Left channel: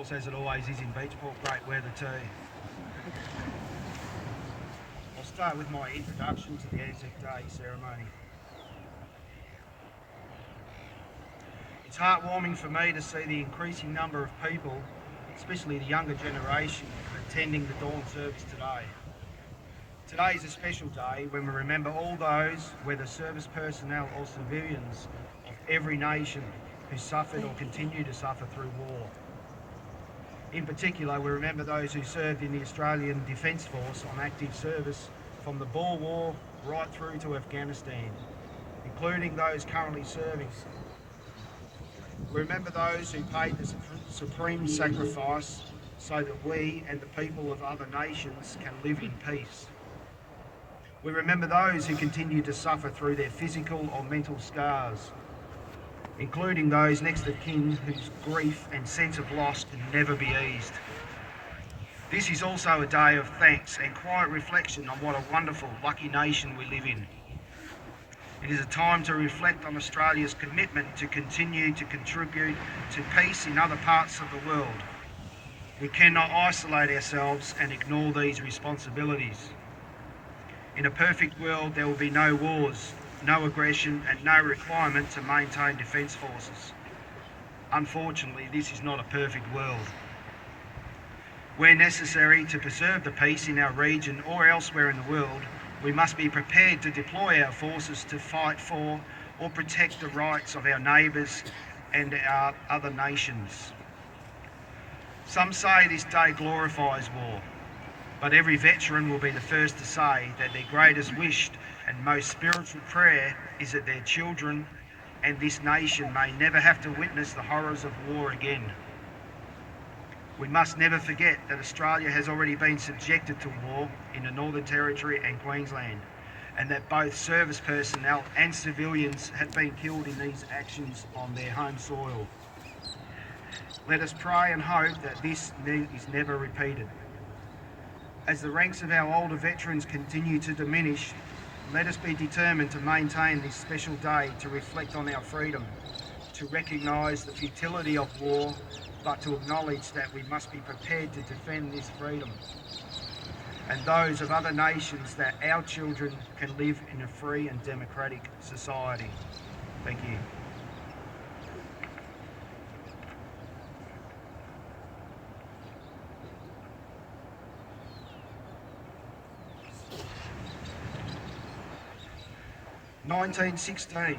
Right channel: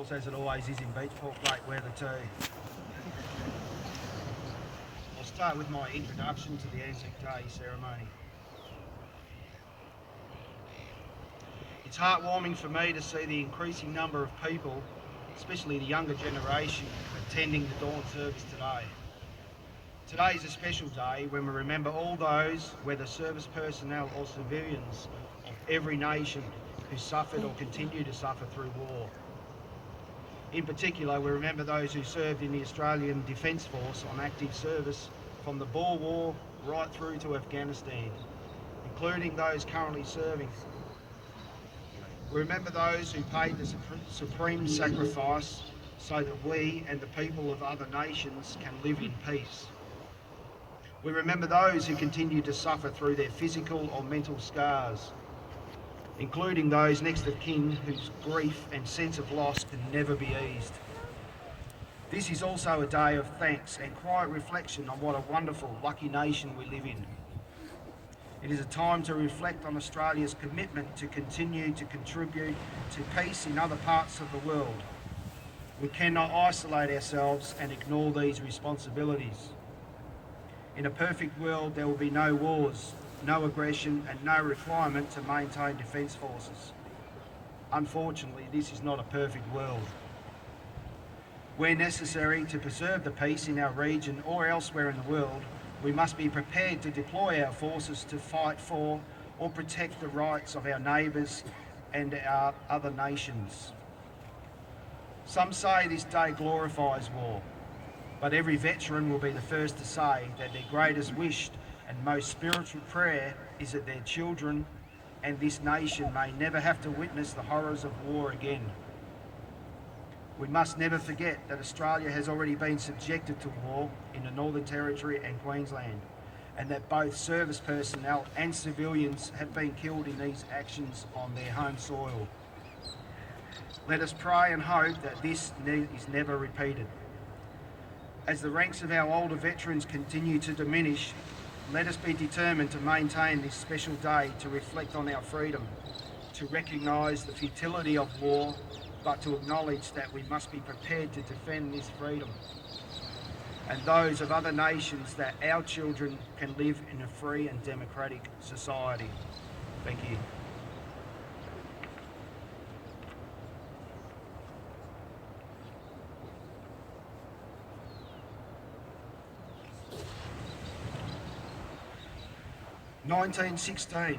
course, as it always is in BeachPort, great weather too. I'll start with my introduction to the Anzac Day ceremony. It's heartwarming for me to see the increasing number of people, especially the younger generation, attending the dawn service today. Today is a special day when we remember all those, whether service personnel or civilians, of every nation who suffered or continue to suffer through war. In particular, we remember those who served in the Australian Defence Force on active service from the Boer War right through to Afghanistan, including those currently serving. We remember those who paid the supreme sacrifice so that we and the people of other nations can live in peace. We remember those who continue to suffer through their physical or mental scars, including those next of kin whose grief and sense of loss can never be eased. This is also a day of thanks and quiet reflection on what a wonderful, lucky nation we live in. It is a time to reflect on Australia's commitment to continue to contribute to peace in other parts of the world. We cannot isolate ourselves and ignore these responsibilities. In a perfect world, there will be no wars, no aggression and no requirement to maintain defence forces. Unfortunately, this is not a perfect world. Where necessary to preserve the peace in our region or elsewhere in the world, we must be prepared to deploy our forces to fight for or protect the rights of our neighbours and our other nations. Some say this day glorifies war, but every veteran will be the first to say that their greatest wish and most spiritual prayer is that their children and this nation may never have to witness the horrors of war again. We must never forget that Australia has already been subjected to war in the Northern Territory and Queensland, and that both service personnel and civilians have been killed in these actions on their home soil. Let us pray and hope that this is never repeated. As the ranks of our older veterans continue to diminish, let us be determined to maintain this special day to reflect on our freedom, to recognise the futility of war, but to acknowledge that we must be prepared to defend this freedom and those of other nations, that our children can live in a free and democratic society. Thank you. "1916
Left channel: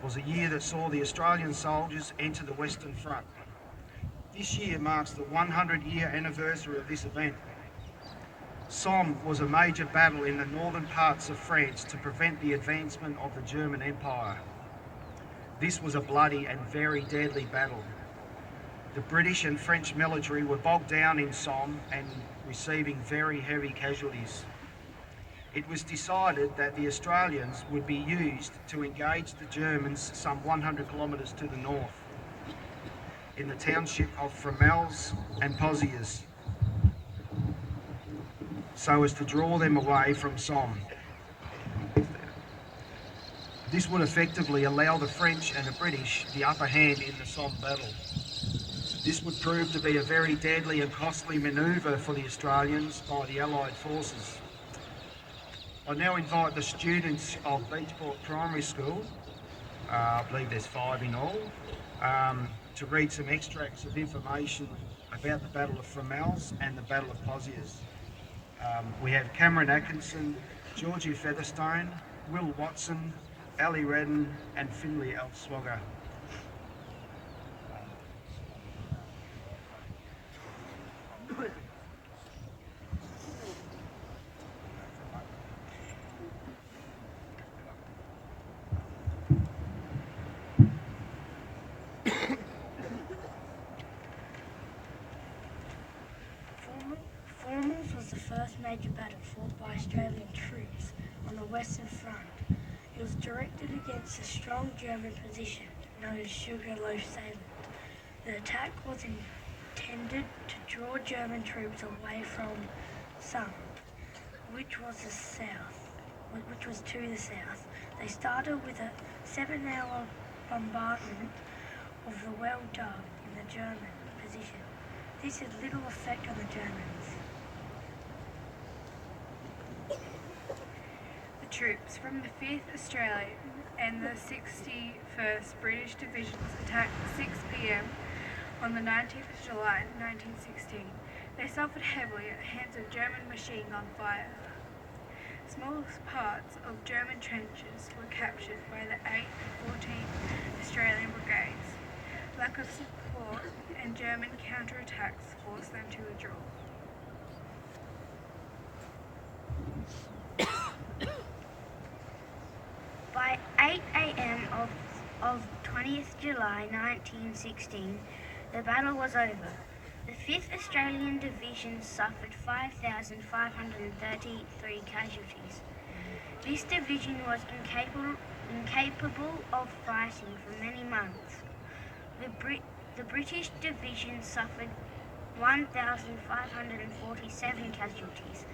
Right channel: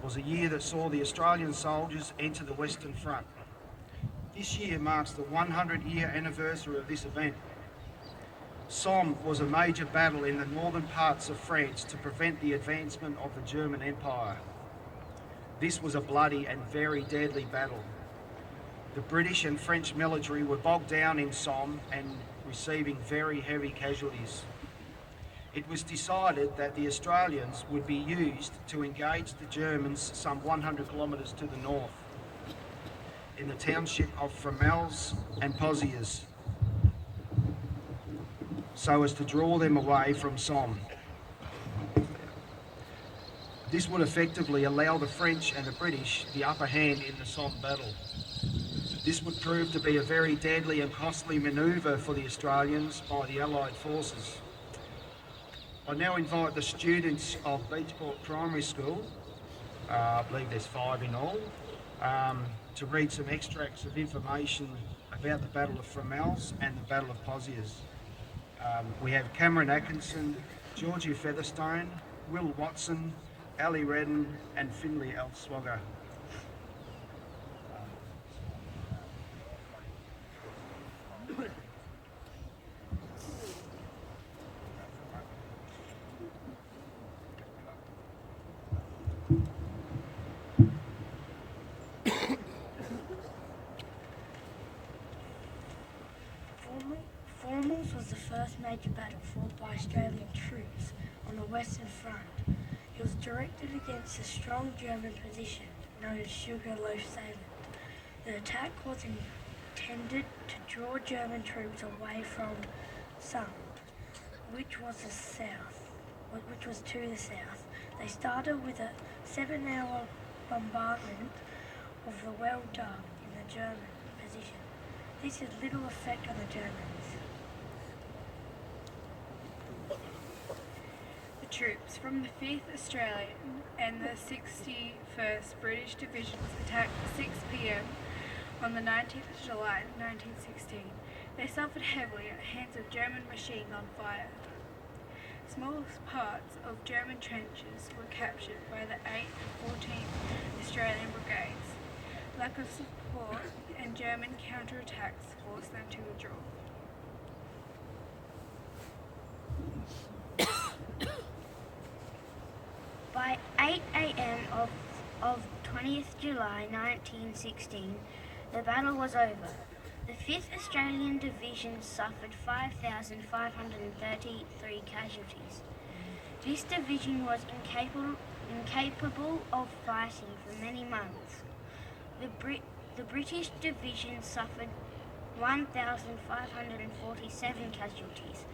was a year that saw the Australian soldiers enter the Western Front. This year marks the 100-year anniversary of this event. Somme was a major battle in the northern parts of France to prevent the advancement of the German Empire. This was a bloody and very deadly battle. The British and French military were bogged down in Somme and receiving very heavy casualties. It was decided that the Australians would be used to engage the Germans some 100 kilometres to the north, in the township of Fromelles and Pozières, so as to draw them away from Somme. This would effectively allow the French and the British the upper hand in the Somme battle. This would prove to be a very deadly and costly manoeuvre for the Australians by the Allied forces. I now invite the students of BeachPort Primary School, I believe there's 5 in all, to read some extracts of information about the Battle of Fromelles and the Battle of Pozières. We have Cameron Atkinson, Georgie Featherstone, Will Watson, Ali Redden and Finley Elswogger. Fromelles was the first major battle fought by Australian troops on the Western Front. It was directed against a strong German position known as Sugarloaf Salient. The attack was intended to draw German troops away from Somme, which was to the south. They started with a 7-hour bombardment of the well dug in the German position. This had little effect on the Germans. The troops from the 5th Australian and the 61st British Divisions attacked at 6 p.m. on the 19th of July 1916. They suffered heavily at the hands of German machine gun fire. Small parts of German trenches were captured by the 8th and 14th Australian Brigades. Lack of support and German counterattacks forced them to withdraw. By 8 a.m. of 20th July 1916, the battle was over. The 5th Australian Division suffered 5,533 casualties. This division was incapable of fighting for many months. The British Division suffered 1,547 casualties.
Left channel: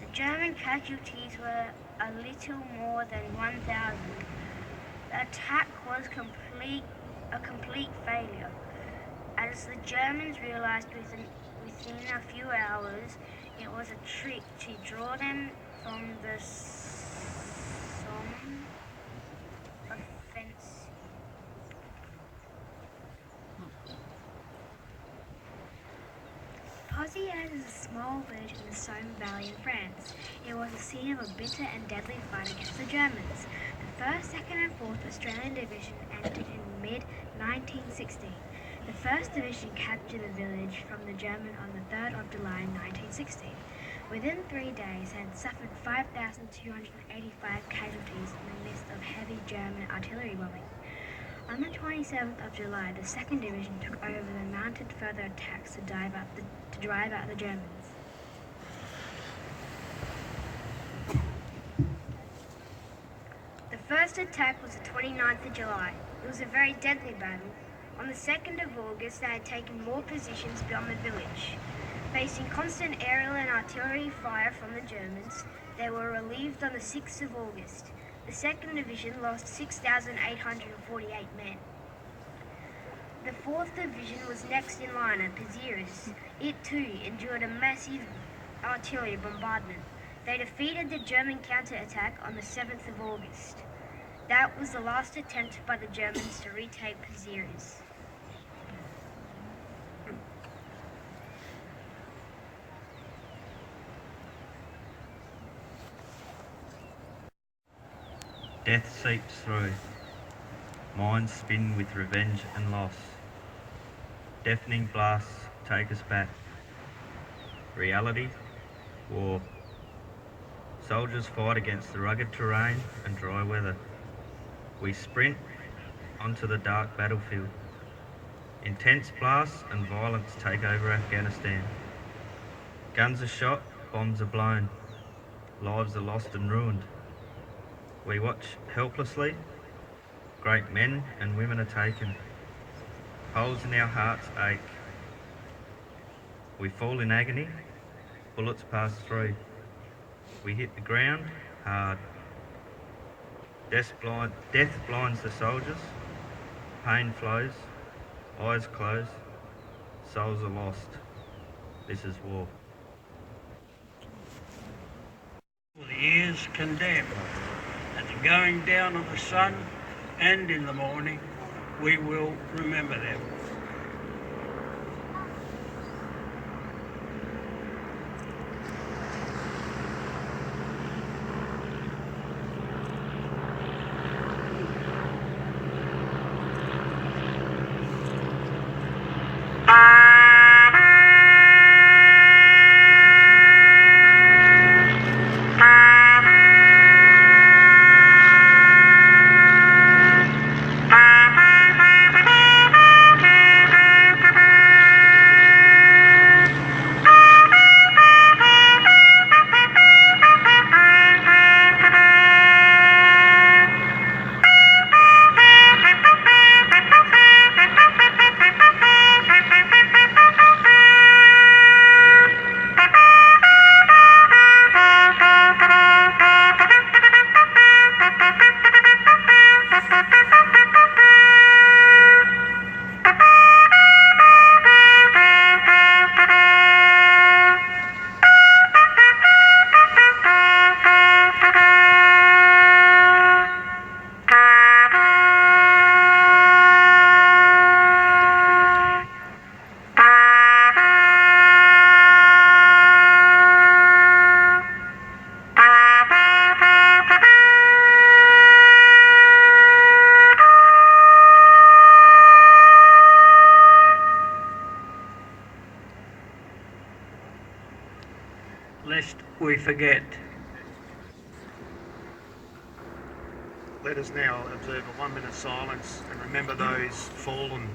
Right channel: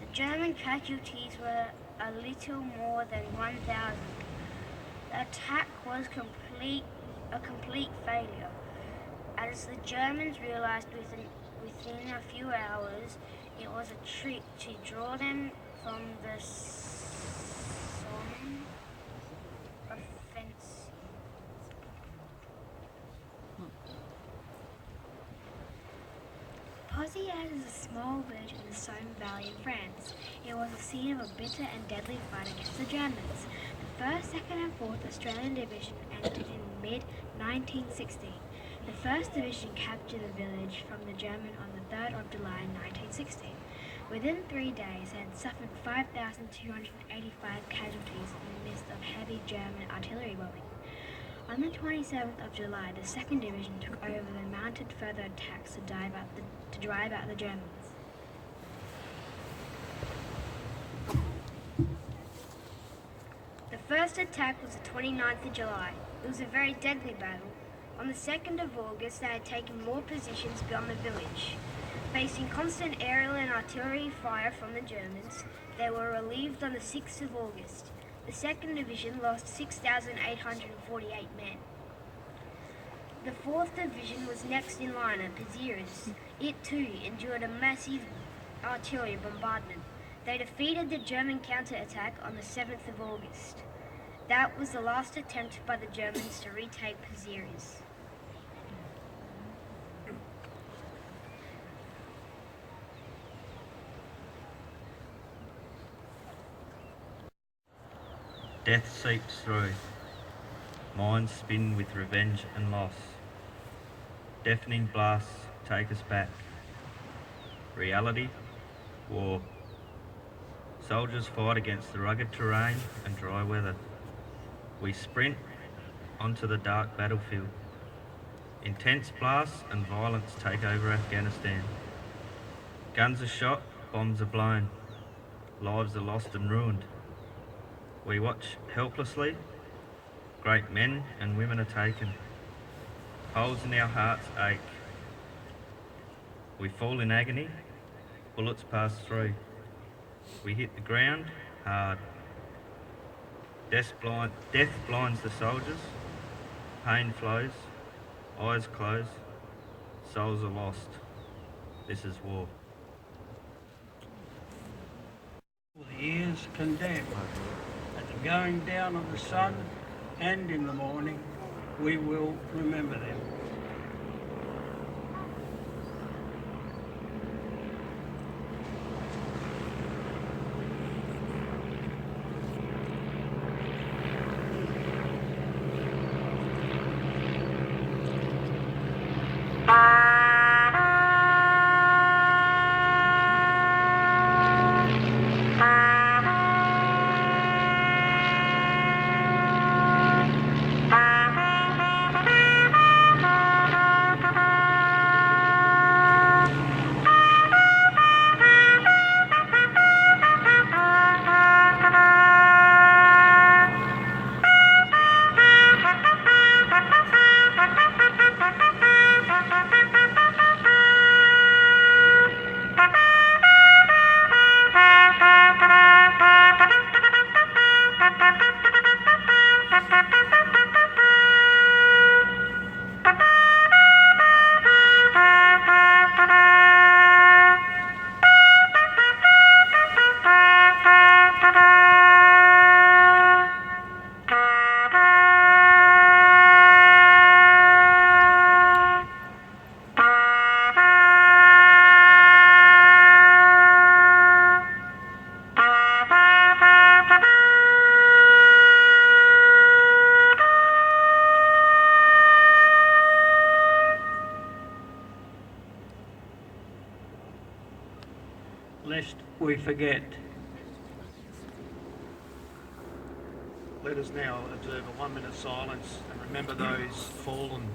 The German casualties were a little more than 1,000. The attack was a complete failure, as the Germans realized within a few hours it was a trick to draw them from the Somme offensive. Pozières is a small village in the Somme Valley in France. It was the scene of a bitter and deadly fight against the Germans. The 1st, 2nd and 4th Australian Division entered in mid-1916. The 1st Division captured the village from the German on the 3rd of July 1916. Within 3 days, it had suffered 5,285 casualties in the midst of heavy German artillery bombing. On the 27th of July, the 2nd Division took over and mounted further attacks to drive out the Germans. The first attack was the 29th of July. It was a very deadly battle. On the 2nd of August, they had taken more positions beyond the village. Facing constant aerial and artillery fire from the Germans, they were relieved on the 6th of August. The 2nd Division lost 6,848 men. The 4th Division was next in line at Pozières. It too endured a massive artillery bombardment. They defeated the German counterattack on the 7th of August. That was the last attempt by the Germans to retake Pozières. Death seeps through. Minds spin with revenge and loss. Deafening blasts take us back. Reality, war. Soldiers fight against the rugged terrain and dry weather. We sprint onto the dark battlefield. Intense blasts and violence take over Afghanistan. Guns are shot, bombs are blown. Lives are lost and ruined. We watch helplessly. Great men and women are taken. Holes in our hearts ache. We fall in agony. Bullets pass through. We hit the ground hard. Death blinds the soldiers. Pain flows. Eyes close. Souls are lost. This is war. The years condemned. At the going down of the sun and in the morning, we will remember them. we forget. Let us now observe a 1 minute silence and remember those fallen